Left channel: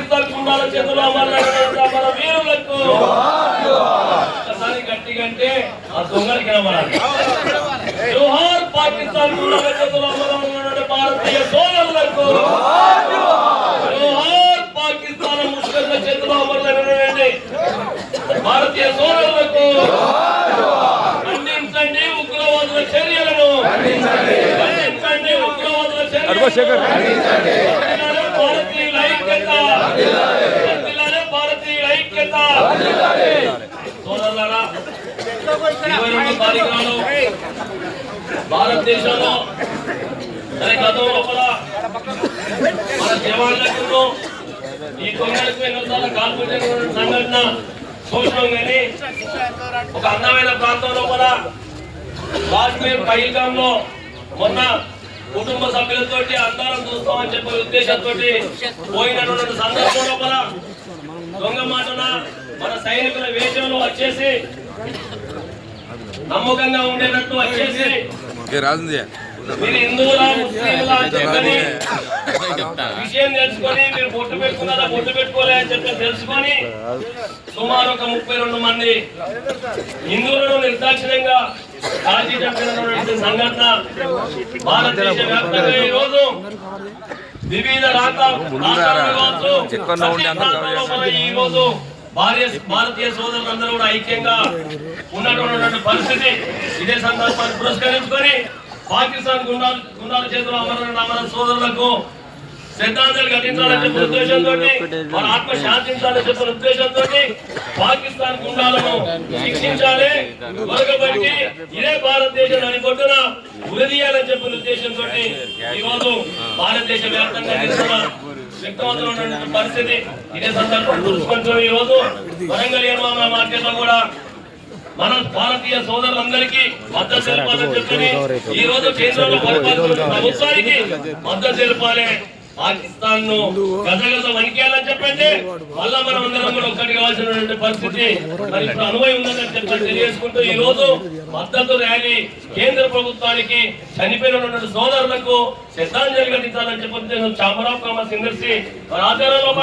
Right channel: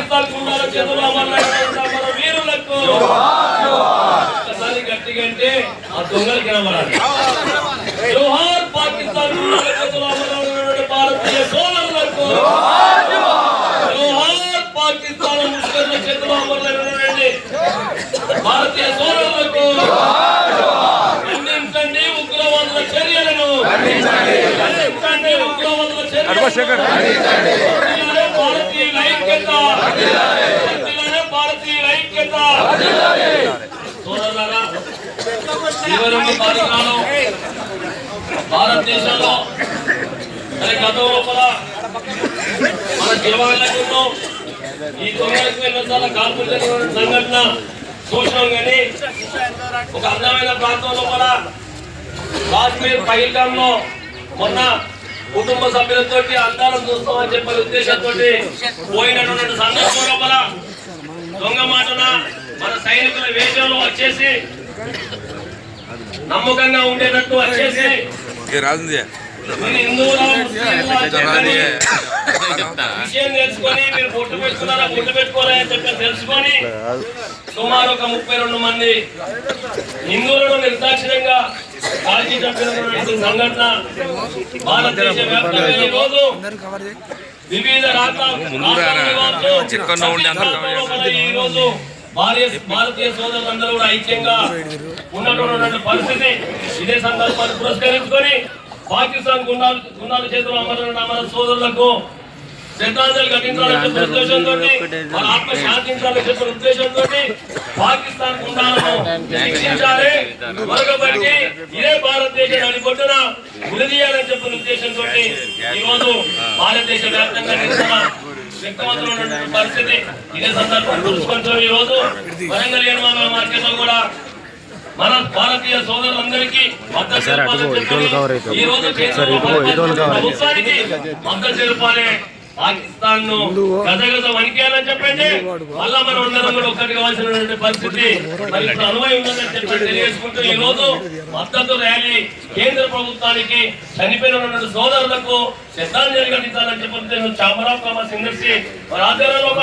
పాకిస్తాన్ కుండాల చేతులు అమరులైన మన వీరులకు ఒకసారి గట్టిగా అంటే ఆ దొంగలు కనబడాలి జోహార్ పాకిస్తాన్ కుండాల చేతులు అమరులైన భారతీయ సోదరులకు జోహార్ పాకిస్తాన్ ముస్లింల చేతులు అమరులైన భారతీయ సోదరులకు ఖండించండి ఉగ్రవాదుల చర్యలను ఖండించండి ఉగ్రవాదుల చర్యలను వర్ధిల్లాలి భారతీయుల ఐక్యత. భారతీయుల ఐక్యత. ఇరవై రెండు భారతదేశంలో మరి గతంలో కూడా మన జవాన్లకు ఈ తొమ్మిది ఎన్నోసార్లు కాల్పులు సంఘటన చూసినాం కానీ ఒక అందమైన ప్రాంతం లోపల కాశ్మీర్ పైల్గాంలో మొన్న కుటుంబ సభ్యులతో అందాలను చూస్తామని చెప్పే ఉద్దేశంతో పోయినటువంటి సందర్భం లోపల దొంగ మాటన మన సైనికుల వేషంలో వచ్చేసి నమ్మకంగా ఉండేటట్టు వచ్చేసి విషయం తెలుసుకొని మీరు బొట్టు పెట్టుకున్నారా బొట్టు పెట్టుకోలే అని చెప్పి తెలుసుకొని సుమారు ఒక ముప్పై రెండు మంది హిందువులను నిర్దాక్షిణ్యంగా సంఘటన భారతదేశ వ్యాప్తంగా వివిధ భారతీయ భారతీయ సోదరులందరూ కూడా ఐక్యంగా ఉన్నటువంటి పరిస్థితి ఇదే సందర్భాన్ని పురస్కరించుకొని పాకిస్తాన్ గుండాలు గుండాల చేతులు అమర అమర సోదరులకు శ్రద్ధాంజలి ఘటించాలని చెప్పిన ఉద్దేశంతో వాళ్ళ ఆత్మ శాంతించాలని చెప్పిన ఉద్దేశంతో పాకిస్తాన్ గుండాలను శిక్షించాలి. మరొకబట్టి ఇదే భారతదేశ నడిపొట్టున ఉరిదీయాలని చెప్పిన ఉద్దేశంతో ఈ రోజు భారతదేశ వ్యాప్తంగా నిరసన వ్యక్తమవుతున్నటువంటి పరిస్థితి. ఇదే సందర్భం చూసుకుంటూ ఈ రోజు వరంగల్ నిర్మాణ మార్కెట్లో కూడా మన భారతీయ సోదరులందరికీ మద్దతు తెలపాలని చెప్పని ఈ రోజు కేంద్రంలో ప్రభుత్వానికి మద్దతు తెలపాలి పాకిస్తాన్ను గదగద వణికేయాలని చెప్పండి. మళ్ళా మనం అందరం కూడా ఒక్కటి కావాల్సినటువంటి పరిస్థితి. మరి అనుభవం ఉందని చెప్పి తెలియజేసుకుంటూ ఈ రోజు మద్దతు ర్యాలీ కేంద్ర ప్రభుత్వానికి చనిపోయినటువంటి సోదరులకు శ్రద్ధాంజలి ఘటించాలని చెప్పి చామరావు కామర్స్ ఇండస్ట్రీ మరి ఆధ్వర్యంలో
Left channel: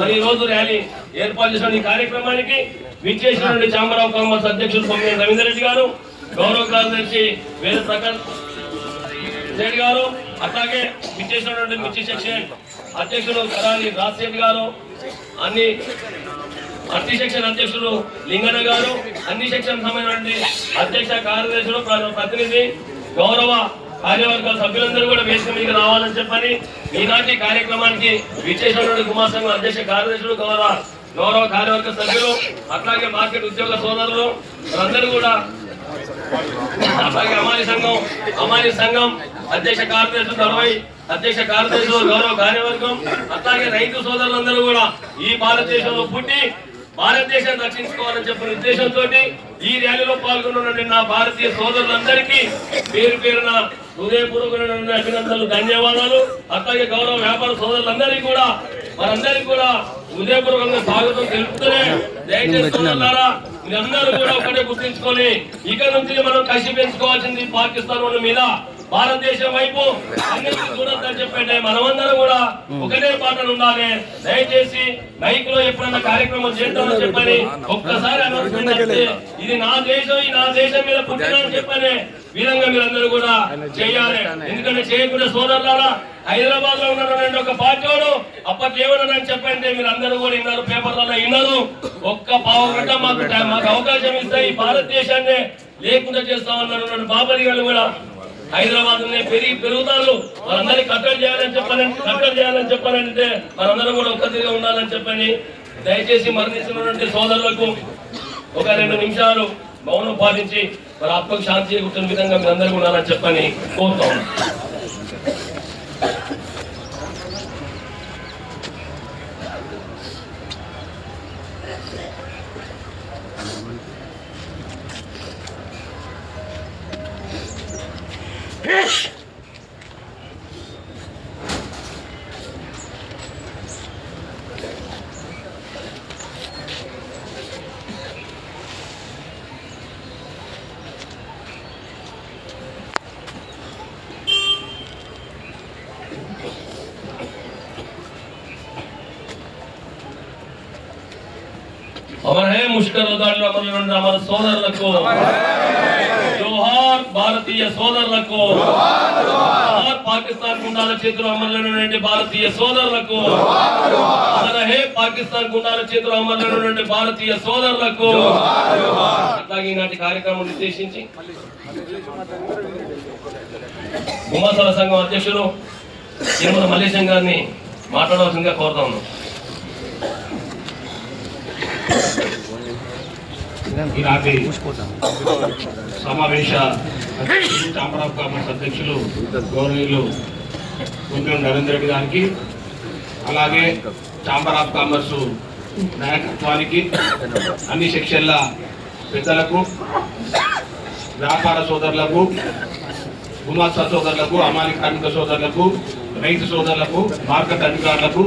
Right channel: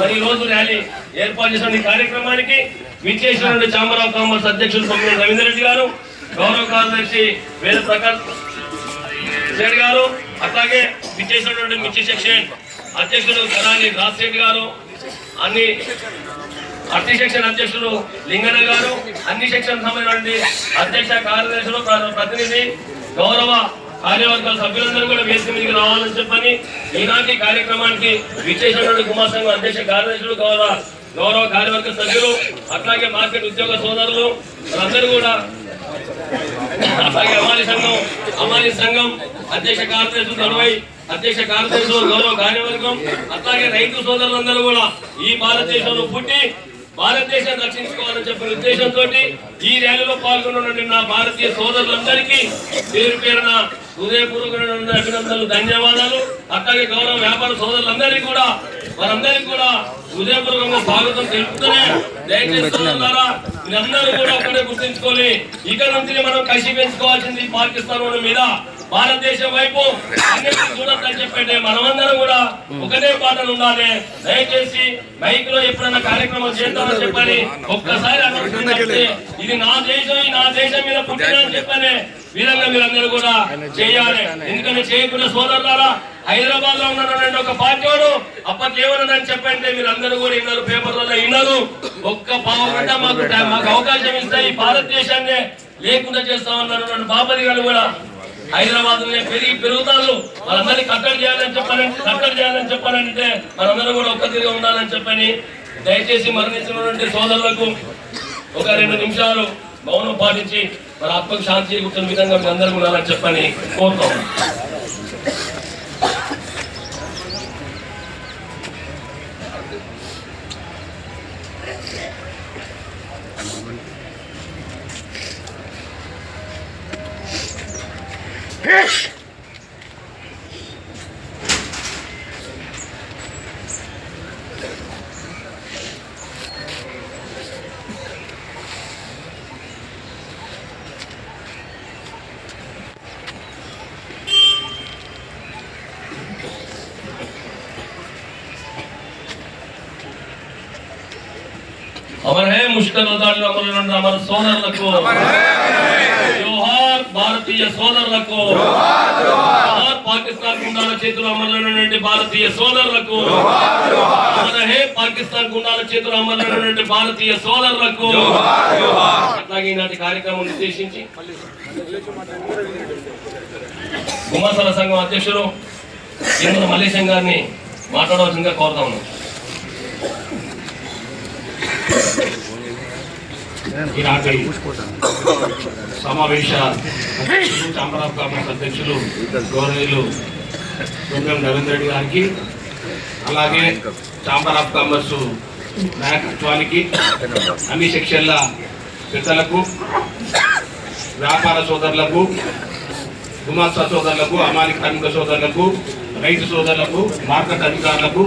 మరి ఈ రోజు ర్యాలీ ఏర్పాటు చేసిన ఈ కార్యక్రమానికి విచ్చేసినటువంటి చామరావు కామర్స్ అధ్యక్షులు సభ్యులు రవీందర్ రెడ్డి గారు గౌరవ కార్యదర్శి వేద ప్రకాష్ రెడ్డి గారు అట్లాగే విచ్చేసినటువంటి మిర్చి సెక్షన్ అధ్యక్షుడు కళాని రాజశేఖర్ గారు అన్ని అన్ని సెక్షన్ అధ్యక్షుడు లింగన్న గారు అన్ని సెక్షన్ సంబంధించిన అధ్యక్ష కార్యదర్శులు ప్రతినిధి గౌరవ కార్యవర్గ సభ్యులందరూ కూడా వేదిక మీదకి రావాలని చెప్పని ఈనాటి కార్యక్రమానికి విచ్చేసినటువంటి కుమార్ సంఘం అధ్యక్ష కార్యదర్శులు గౌరవ గౌరవ కార్యవర్గ సభ్యులు అట్లాగే మార్కెట్ ఉద్యోగ సోదరులు అందరూ కూడా అట్లాగే అమాని సంఘం అమాని సంఘం అధ్యక్ష కార్యదర్శులు తడవై అధ్యక్ష కార్యదర్శులు గౌరవ కార్యవర్గం అట్లాగే రైతు సోదరులందరూ కూడా ఈ భారతదేశంలో పుట్టి భారతదేశాన్ని రక్షించుకోవాలని చెప్పిన ఉద్దేశంతో ఈ ర్యాలీలో పాల్గొన్న నా భారతీయ సోదరులందరికీ పేరు పేరున హృదయపూర్వకమైన అభినందనలు ధన్యవాదాలు. అట్లాగే గౌరవ వ్యాపార సోదరులందరికీ కూడా వారందరికీ కూడా హృదయపూర్వకంగా స్వాగతం తెలుపుతూనే దయచేసి సోదరులారా మీరందరూ కూడా ఒకటే గుర్తించుకొని ఇక నుంచి మనం కసి పెంచుకోవాల్సింది పాకిస్తాన్ మీద. భారతదేశం వైపు చూడొద్దని చెప్పండి మనమందరం కూడా ఒకటే పాటలు ఉండాలి. దయచేసి మైక్లో ఎప్పుడన్నా కార్యక్రమం చేద్దామని చెప్పని ఒక్కసారి ఇది నా దేశం ఈ నా దేశం మీద పుట్టినని చెప్పని విధంగా మీరందరూ కూడా చేయాలి. ఎందుకంటే చేయకుండా సోదరులారా హైదరాబాద్లో ఉన్నటువంటి ఒక పార్టీ వాడు అప్పకేమన్నాడని చెప్పండి మీరు అందరూ కూడా విన్నారు పేపర్లలో విన్నారు ఒక్క పావు గంట మాకు మాకు అవకాశం ఇస్తే ఈ భారతదేశాన్ని లేకుండా చేస్తామన్నటువంటి బాబరి గారు కూడా హైదరాబాద్ పెరిగి పెరుగుతారు వాళ్ళందరినీ కట్టడి చేయాలని చెప్పాలని కట్టడి చేయాలని చెప్పాలంటే మనందరం కూడా ఒక్కరిగా ఉండాలని చెప్పని దయచేసి మరణించినటువంటి సోదరులకు ఒక రెండు నిమిషాలు మౌనం పాటించి మన ఆత్మకు శాంతి చేకూర్చున్న విధంగా మీ అందరూ ఉండాలని చెప్పని కోరుతాం. Thank Hiç. హే ముష్కర దాడిలో అమరులున్న అమర సోదరులకు జోహార్ భారతీయ సోదరులకు జోహార్ పాకిస్తాన్ గుండాల చేతులు అమరులైనటువంటి భారతీయ సోదరులకు అమర్ హే పాకిస్తాన్ గుండాల చేతులు అమరులైనటువంటి భారతీయ సోదరులకు అట్లాగే ఈనాటి కార్యక్రమం ఉద్దేశించి గుమాసల సంఘం అధ్యక్షులు తిరుమల మల్లేశం గారిని మాట్లాడవలసిందిగా కోరుతా ఉన్నాం ఈనాటి సమావేశ అధ్యక్షులు చాంబర్ అధ్యక్షులు గౌరవీయులు దుర్గం నరేంద్ర రెడ్డి గారికి అలాగే చాంబర్ ఆఫ్ కామర్స్ నాయకత్వానికి అన్ని సెక్షన్ల పెద్దలకు వ్యాపార సోదరులకు గుమాస్తా సోదరులకు అమాలి కార్మిక సోదరులకు రైతు సోదరులకు మార్కెట్ అధికారులకు